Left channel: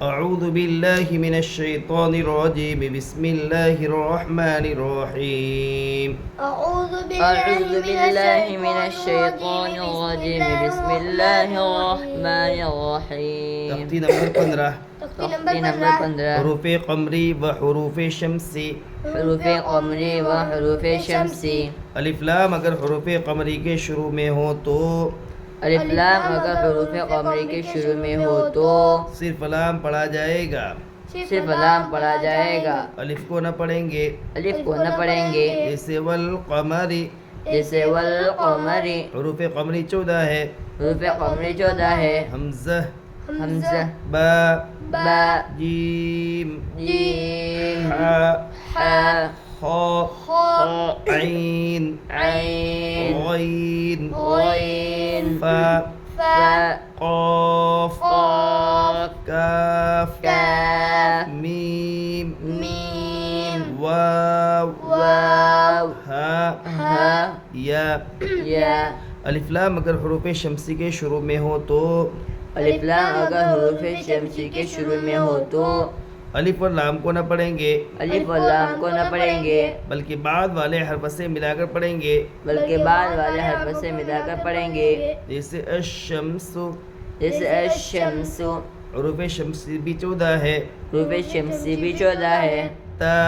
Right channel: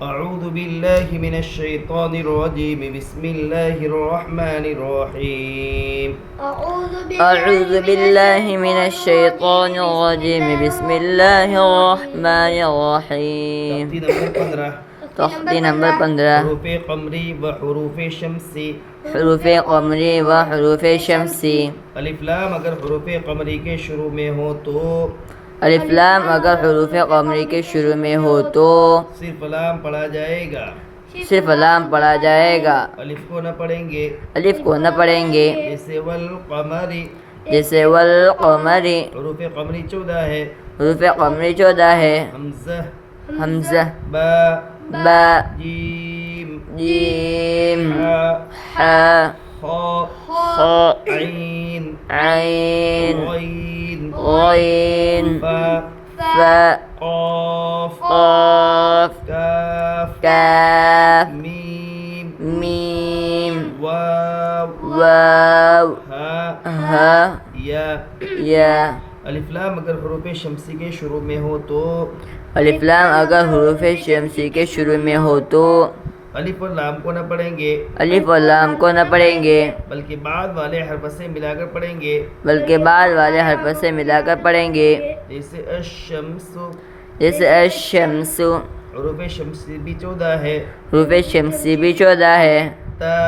أعوذ بالله من الشيطان الرجيم بسم الله الرحمن الرحيم أعوذ بالله من الشيطان الرجيم بسم الله الرحمن الرحيم. تختی نمبر 15 حروف قمری و حروف شمسی. حروف قمری و حروف شمسی. الف لام اگر حروف قمری کے شروع میں ہو تو الف لام اگر حروف قمری کے شروع میں ہو تو صرف لام پڑھا جائے گا. صرف لام پڑھا جائے گا. الف کو نہ پڑھیں گے. الف کو نہ پڑھیں گے. جیسے والقمری. جیسے والقمری. حروف قمری 14 ہے. حروف قمری 14 ہے. حمزہ. حمزہ. با. با. جیم. جیم. حا. حا. خا. عین. عین. غین. غین. فا. فا. قاف. قاف. کاف. کاف. میم. میم. واو. واو. ہا. ہا. یا. یا. الف لام اگر حروف شمسی کے شروع میں ہو تو الف لام اگر حروف شمسی کے شروع میں ہو تو الف اور لام کو نہ پڑھیں گے. الف اور لام کو نہ پڑھیں گے بلکہ بعد والے حرف سے ملا کر پڑھیں گے. بلکہ بعد والے حرف سے ملا کر پڑھیں گے. جیسے الشمس. جیسے الشمس. حروف شمسی بھی 14 ہے. حروف شمسی بھی 14 ہے. تا.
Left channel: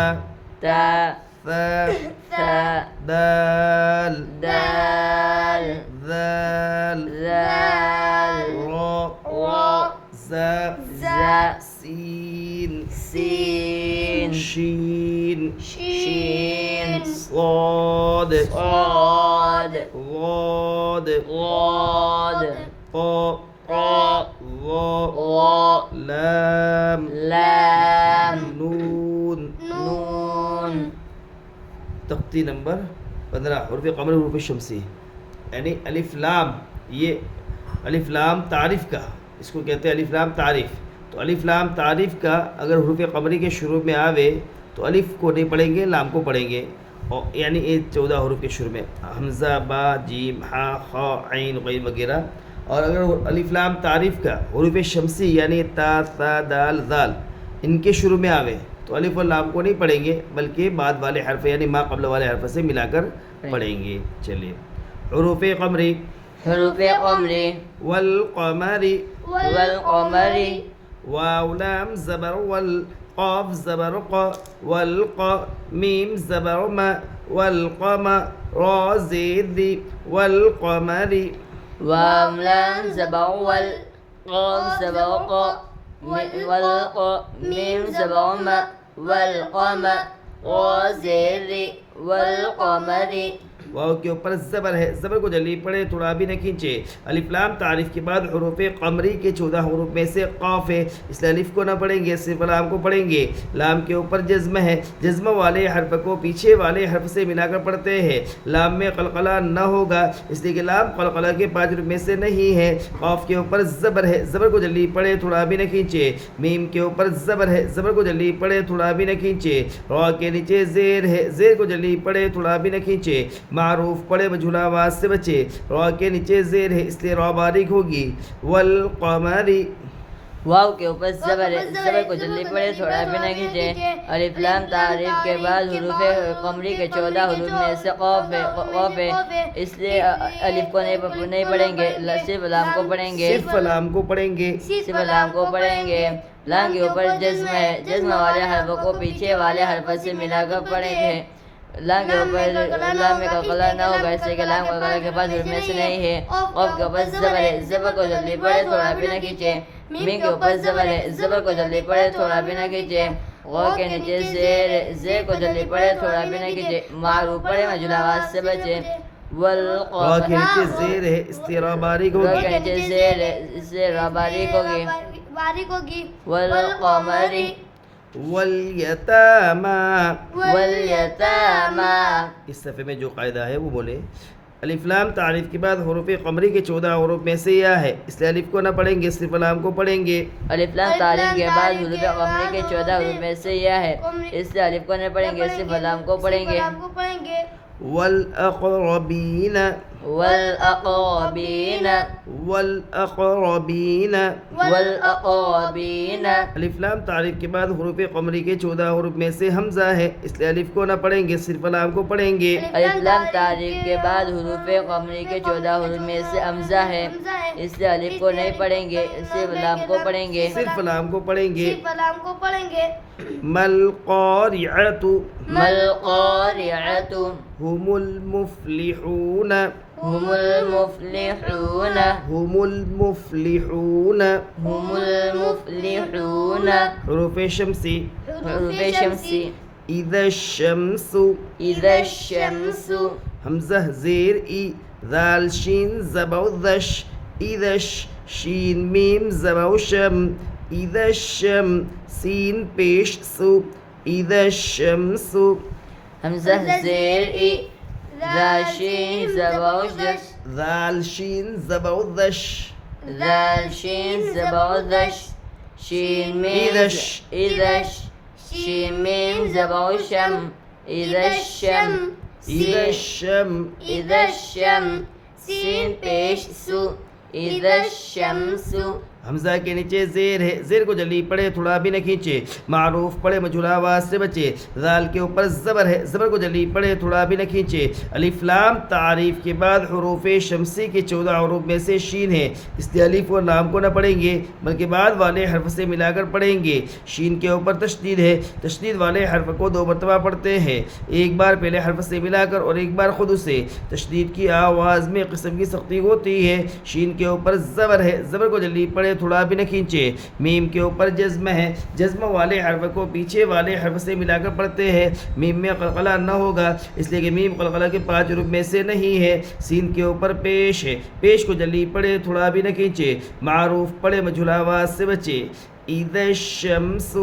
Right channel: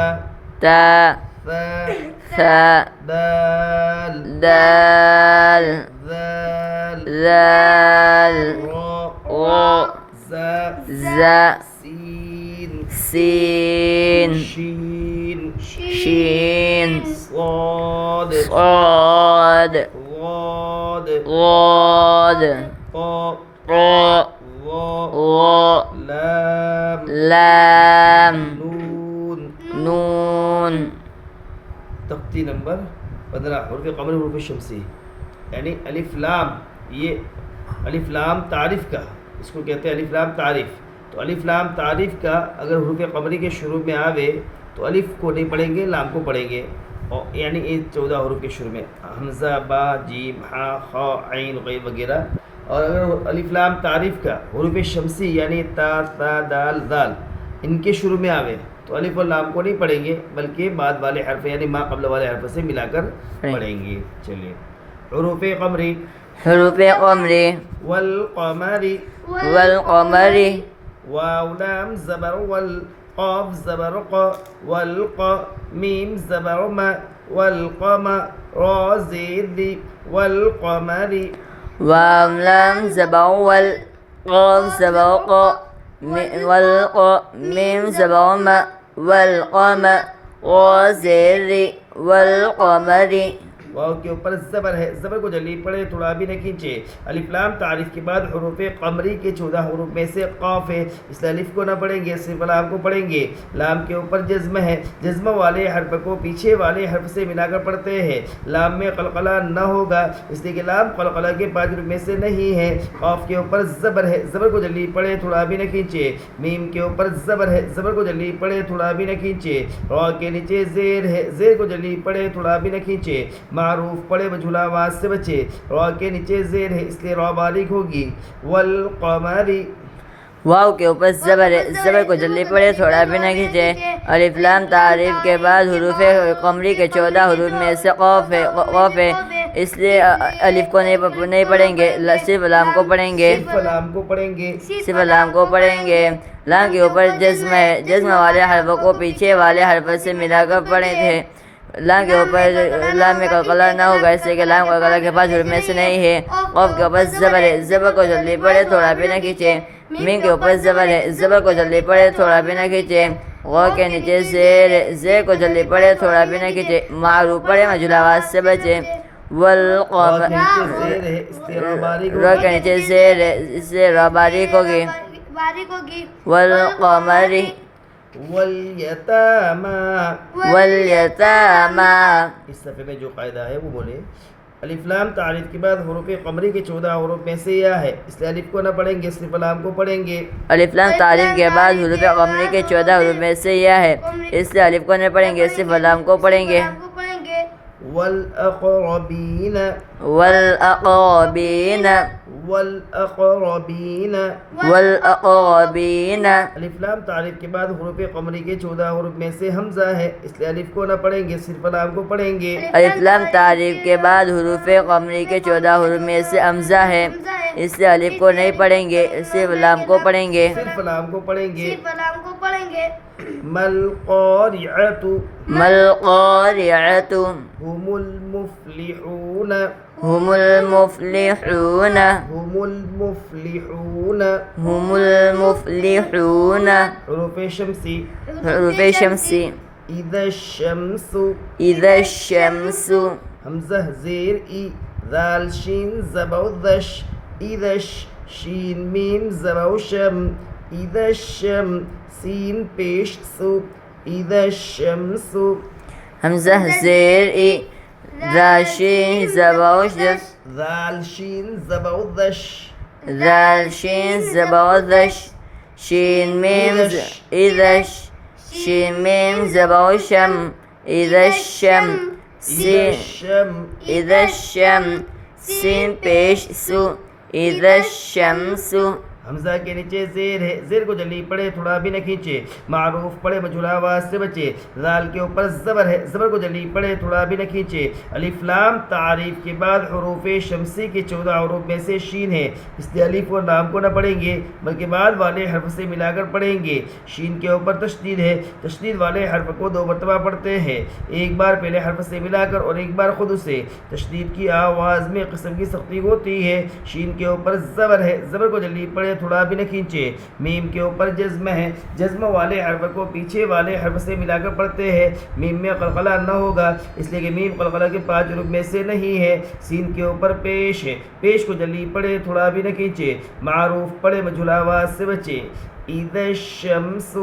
تا. ثا. ثا. دال. دال. ذال. ذال. را. را. زا. زا. سین. سین. شین. شین. صاد. صاد. غاد. غاد. قا. قا. ظا. غا. لام. لام. نون. نون. تختی نمبر 15 حروف قمری حروف شمسی یعنی الف لام. یہ الف لام تعریف کا اس کو کہتے ہیں الف لام تعریف. تو الف لام تعریف کا اگر حروف قمری کے شروع میں آوے تو الف کو نہیں پڑھیں گے, لام کو پڑھیں گے. اور یعنی یہ 14 حروف کے شروع میں حمزہ, با, جیم, ہا, خا, عین, غین وغیرہ. اور اگر الف لام تعریف کا حروف شمسی یعنی تا, ثا, دال, ذال ان کے شروع میں آوے تو الف اور لام کو نہیں پڑھیں گے بلکہ بعد والے حرف یعنی ما قبل والے حرف سے ملا کر پڑھیں گے. چلیے حروف قمری. حروف قمری. والقمری. والقمری. واو لام زبر ول. قاف زبر قا. والقا. میم زبر ما. والقمر. را زید ذی. والقمری. واو لام زبر ول. قاف زبر قا. والقا. میم زبر ما. والقمر. را زید ذی. والقمری. واو کے اوپر زبر ہے, زبر کو جلدی پڑھے تھوڑا بھی نہ کھینچے. الف لام تعریف کے بعد حروف قمری کے 14 حروف میں سے قاف ہے, اس لیے الف کو نہ پڑھیں گے, صرف لام کو پڑھیں گے. لام کے اوپر جزم ہے, جزم والے حرف کو پیچھے والے حرف سے ملا کر پڑھتے ہیں. لام میں قلقلہ نہ ہوگا اس لیے کہ لام قلقلہ کے 5 حروف میں سے نہیں ہے. قاف کے اوپر زبر ہے, زبر کو جلدی پڑھے تھوڑا بھی نہ کھینچے. میم کے اوپر زبر ہے, زبر کو جلدی پڑھے تھوڑا بھی نہ کھینچے. را کے نیچے زیر ہے, زیر کو جلدی پڑھے تھوڑا بھی نہ کھینچے. معروف پڑھے بجھلا آواز سے بچے. را کے نیچے زیر ہے اس لیے را باریک ہوگی. والقمری. واو کے اوپر زبر ہے, زبر کو جلدی پڑھے تھوڑا بھی نہ کھینچے. الف لام تعریف کے بعد حروف قمری کے 14 حروف میں سے قاف ہے اس لیے الف کو نہیں پڑھیں گے, صرف لام کو پڑھیں گے. صرف لام کو پڑھیں گے. صرف لام کو پڑھیں گے. لام کے اوپر جزم ہے, جزم والے حرفوں کو پیچھے والے حرف سے ملا کر پڑھے تھے. لام کے اوپر لام میں قلقلہ نہ ہوگا اس لیے کہ لام قلقلہ کے 5 حروف میں سے نہیں ہے. قاف کے اوپر زبر ہے, زبر کو جلدی پڑھے تھوڑا بھی نہ کھینچے. میم کے اوپر زبر ہے, زبر کو جلدی پڑھے تھوڑا بھی نہ کھینچے. غا کے نیچے زیر ہے, زیر کو جلدی پڑھے تھوڑا بھی نہ کھینچے. معروف پڑھے مجھول آواز سے بچے. را کے نیچے زیر ہے اس لیے را باریک را کے ہوگی. نیچے زیر ہے اس سے را باریک ہوگی. والقمری. والیتاما. والیتاما. اس صفحے میں جو قاعدہ ہے وہ بولے. الف لام تعریف کے بعد حروف قمری کے 14 حروف میں سے یا ہے اس لیے الف کو نہ پڑھیں گے, صرف لام کو پڑھیں گے. الف لام تعریف کے بعد حروف قمری کے 14 حروف میں سے یا ہے اس لیے الف کو نہیں پڑھیں گے, صرف لام کو پڑھیں گے. والأقربين والأقربين والأقربين والأقربين الف لام تعریف کے بعد حروف قمری کے 14 حروف میں سے حمزہ ہے، اس لیے الف کو نہ پڑھیں گے، صرف لام کو پڑھیں گے۔ الف لام تعریف کے بعد حروف قمری کے 14 حروف میں سے حمزہ ہے، اس لیے الف کو نہیں پڑھیں گے، صرف لام کو پڑھیں گے۔ صرف لام کو پڑھیں گے۔ مل قارعۃ مل قارعۃ هم المفلحون هم المفلحون هم المفلحون هم المفلحون حروف شمسی حروف شمسی اذا الشمس اذا الشمس حمزہ زیر ای ذال شین زبا ذش اذا شین میم زبا شم اذا الشم سین پیش سو اذا الشمس حمزہ زیر ای ذاشین زباوش ذال شین زبا ذش ذال شین زباوش شین میم اذا شین میم زباوشم اذا الشم اذا الشم اذا الشم سین پیش سو اذا الشمس حمزہ کے نیچے زیر ہے، زیر کو جلدی پڑھے، تھوڑا بھی نہ کھینچے، معروف پڑھے، مجھول آواز سے بچے۔ ذال کے اوپر زبر ہے، زبر کو جلدی پڑھے، تھوڑا بھی نہ کھینچے۔ الف لام تعریف کے بعد حروف شمسی کے 14 حروف میں سے شین ہے، اس لیے الف اور لام کو نہ پڑھیں گے بلکہ بعد والے حرف سے ملا کر پڑھیں گے۔ شین کے اوپر تشدید ہے، تشدید والے حرف کو 2 مرتبہ پڑھتے ہیں، ایک بار پہلے حرف سے ملا کر اور ایک بار خود سے۔ تشدید کی آواز میں قسم کی سختی ہوتی ہے۔ شین کے اوپر زبر ہے، زبر کو جلدی پڑھے، تھوڑا بھی نہ کھینچے۔ میم کے اوپر جزم ہے، جزم والے حرف کو پیچھے والے حرف سے ملا کر پڑھتے ہیں، میم میں قلقلہ نہ ہوگا اس لیے کہ میم قلقلہ کے 5 حروف میں سے نہیں ہے۔ سین کے اوپر پیش ہے، پیش کو جلدی پڑھے، تھوڑا بھی نہ کھینچے، معروف پڑھے، مجھول آواز سے بچے۔ اذا الشمس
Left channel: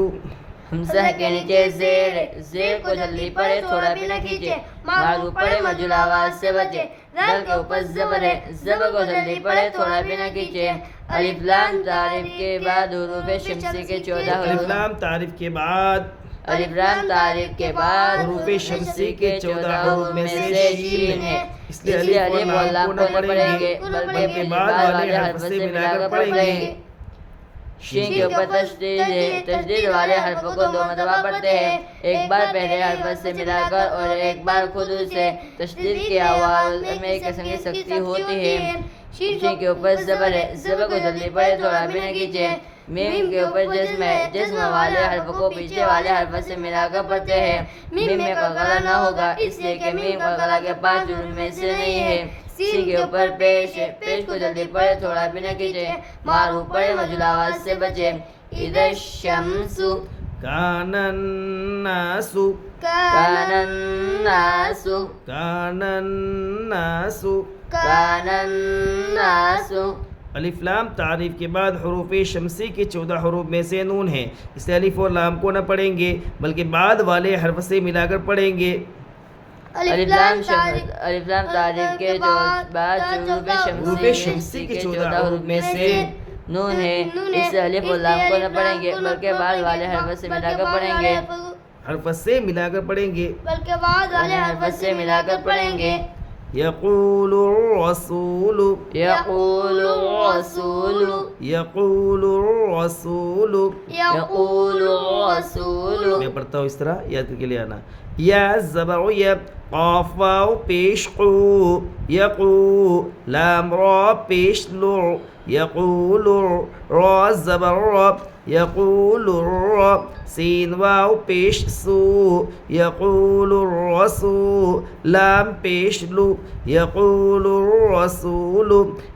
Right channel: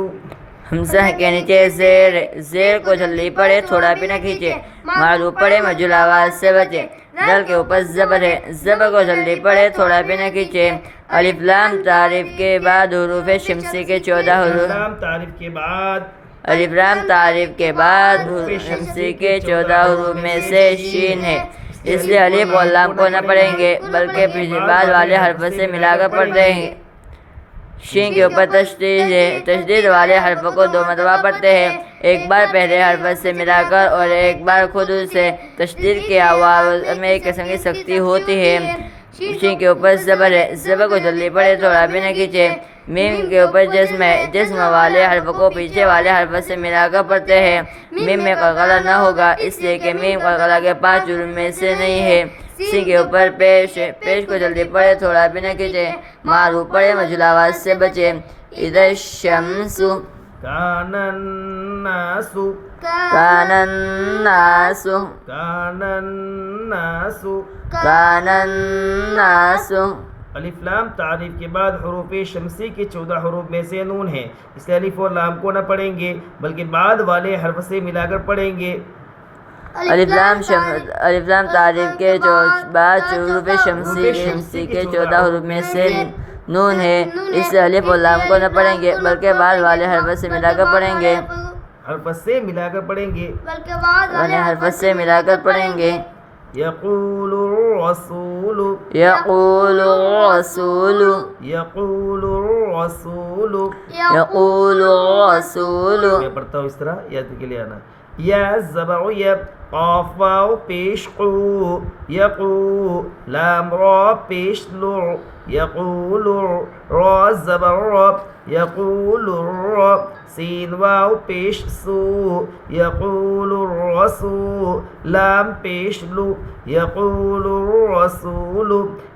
حمزہ کے نیچے زیر ہے، زیر کو جلدی پڑھے، تھوڑا بھی نہ کھینچے، معروف پڑھے، مجھول آواز سے بچے۔ دال کے اوپر زبر ہے، زبر کو جلدی پڑھے، تھوڑا بھی نہ کھینچے۔ الف لام تعریف کے بعد حروف شمسی کے 14 حروف لام تعریف کے بعد الف لام تعریف کے بعد حروف شمسی کے 14 حروف میں سے شین ہے، اس لیے الف اور لام کو نہ پڑھیں گے بلکہ بعد والے حرف سے ملا کر پڑھ رہے ہیں۔ شین کے اوپر تشدید ہے، تشدید والے حرف کو 2 مرتبہ پڑھتے ہیں، ایک بار پہلے حرف سے ملا کر اور ایک بار خود سے۔ تشدید کی آواز میں ایک قسم کی سختی ہوتی ہے۔ شین کے اوپر زبر ہے، زبر کو جلدی پڑھے، تھوڑا بھی نہ کھینچے۔ میم کے اوپر جزم ہے، جزم والے حرف کو پیچھے والے حرف سے ملا کر پڑھتے ہیں، میم میں قلقلہ نہ ہوگا اس لیے کہ میم قلقلہ کے 5 حروف میں سے نہیں ہے۔ سی کے اوپر پیش ہے، پیش کو جلدی پڑھے، تھوڑا بھی نہ کھینچے، معروف پڑھے، مجھول آواز سے بچے۔ اذا الشمس کان الناس کان الناس کان الناس کان الناس الف لام تعریف کے بعد حروف شمسی کے 14 حروف میں سے نون ہے، اس لیے الف اور لام کو نہ پڑھیں گے بلکہ بعد والے حرف سے ملا کر پڑھیں گے۔ الف لام تعریف کے بعد حروف شمسی کے 14 حروف میں سے نون ہے، اس سے الف اور لام کو نہ پڑھیں گے بلکہ بعد والے حرف سے ملا کر پڑھیں گے، حرف سے ملا کر پڑھیں گے، حرف سے ملا کر پڑھیں گے۔ یقول الرسول یقول الرسول یقول الرسول یقول الرسول میں پڑھتا ہوں اس طرح، یاد کے لیے آنا۔ یا زبر یا قاف واو پیش قو یقو لام را پیش لو یقول را زبر را یقول را سین واو پیش سو یقول الرسول لام پیش لو یقول الرسول۔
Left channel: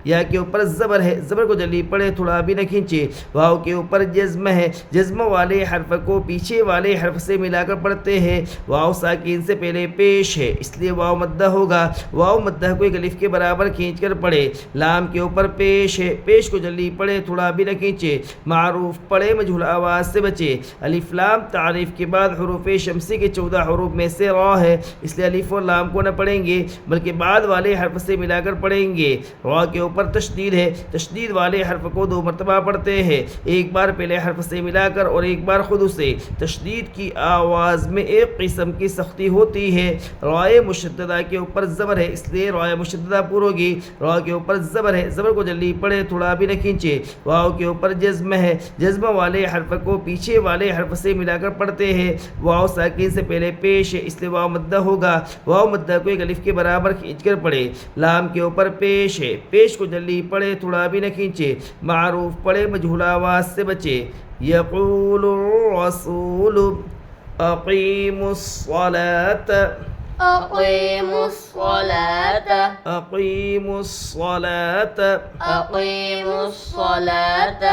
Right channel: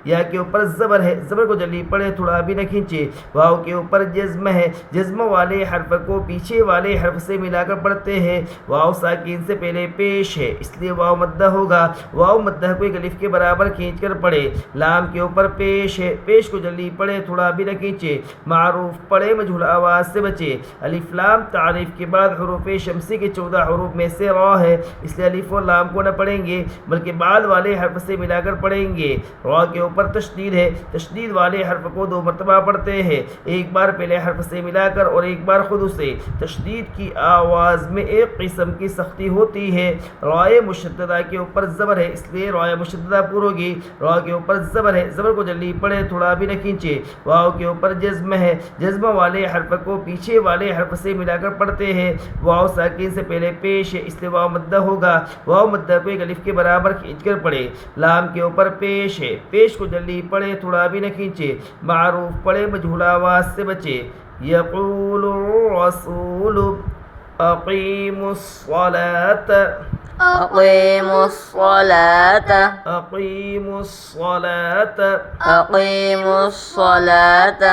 یا کے اوپر زبر ہے، زبر کو جلدی پڑھے، تھوڑا بھی نہ کھینچے۔ واو کے اوپر جزم ہے، جزم والے حرف کو پیچھے والے حرف سے ملا کر پڑھتے ہیں، واو ساکین سے پہلے پیش ہے اس لیے واو مدہ ہوگا، واو مدہ کو ایک الف کے برابر کھینچ کر پڑھے۔ لام کے اوپر پیش ہے، پیش کو جلدی پڑھے، تھوڑا بھی نہ کھینچے، معروف پڑھے، پڑھے مجہول آواز سے بچے. الف لام تعریف کے بعد حروف شمسی کے 14 حروف میں سے را ہے، اس لیے الف اور لام کو نہ پڑھیں گے بلکہ بعد والے حرف سے ملا کر پڑھیں گے. را کے اوپر تشدید ہے، تشدید والے حرف کو 2 مرتبہ پڑھتے ہیں، ایک بار پہلے حرف سے ملا کر اور ایک بار خود اسے. تشدید کی آواز میں ایک قسم کی سختی ہوتی ہے. رائے مشددہ کے اوپر زبر ہے، اس لیے رائے مشددہ پر ہوگی. را کے اوپر زبر ہے، زبر کو جلدی پڑھے، تھوڑا بھی نہ کھینچے. واو کے اوپر جزم ہے، جزم والے حرف کو پیچھے والے حرف سے ملا کر پڑھتے ہیں. واو ساکن سے پہلے پیش ہے، اس لیے واو مدہ ہوگا. واو مدہ کو ایک الف کے برابر کھینچ کر پڑھے. لام کے اوپر پیش ہے، پیش کو جلدی پڑھے، تھوڑا بھی نہ کھینچے. معروف پڑھے مجہول آواز سے بچے. یقول الرسول اقیموا الصلاۃ أقيموا الصلاة اقیموا الصلاۃ أقيموا الصلاة